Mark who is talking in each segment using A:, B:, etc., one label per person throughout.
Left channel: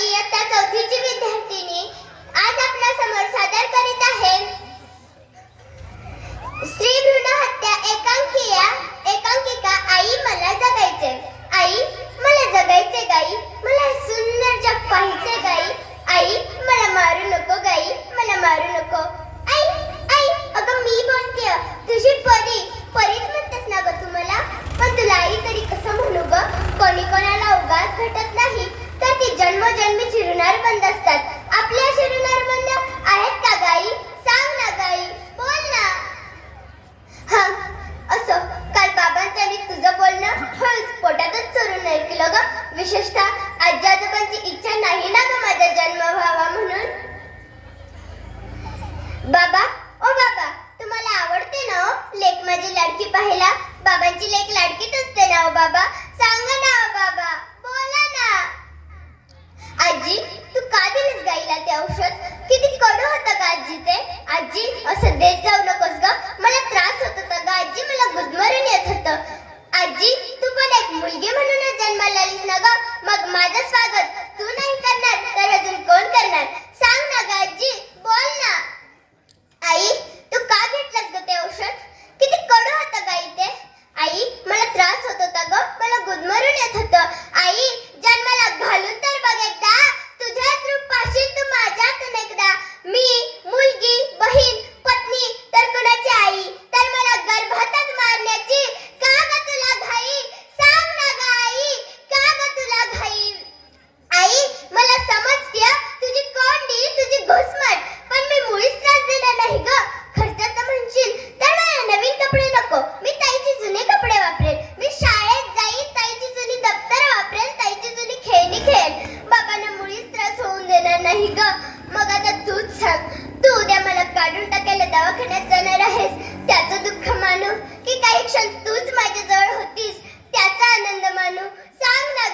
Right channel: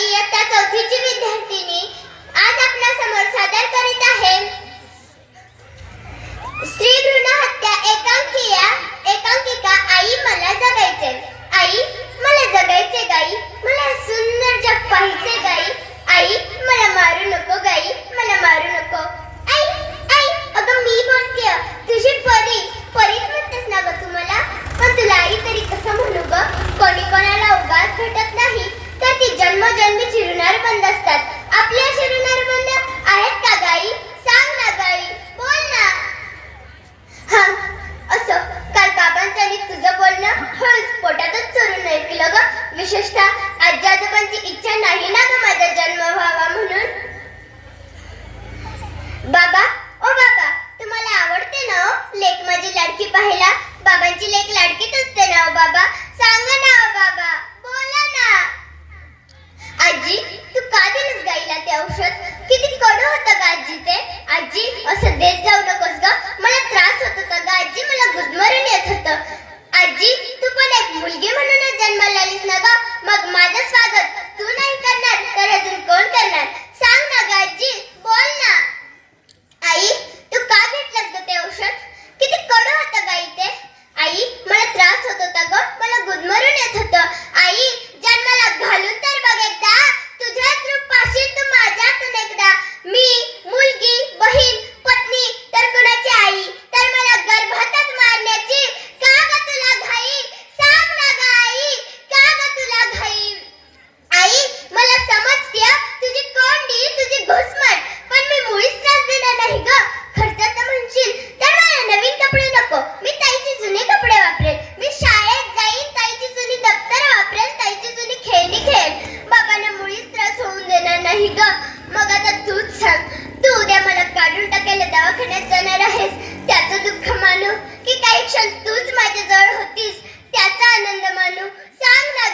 A: इयत्ता चौथीची विशेषतः आजाजोबांची इच्छा नाही ना गं माझा जन्म व्हावा म्हणून? बाबा ओ बाबा तुम्हाला आवडते ना हो लेख? माझी लाडकी पाहायला बाबांची लेख लाडकीच असते ना हो बाबा. सांगा ना दवाखान्यात जाणार आहेस. त्याचं दुःख मानू की काही क्षण तूच माझ्याजवळ होतीस. त्याचा आनंद मानू. सांग ना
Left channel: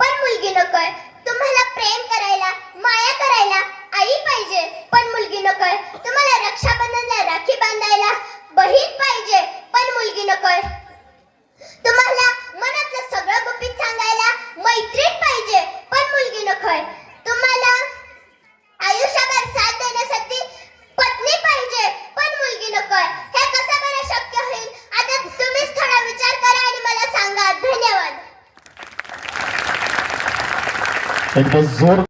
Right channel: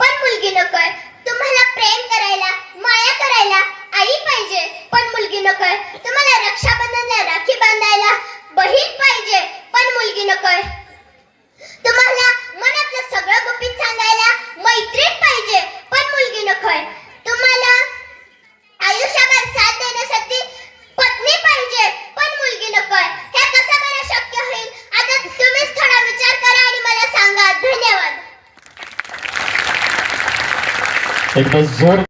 A: पण मुलगी नकोय
B: tai tas zor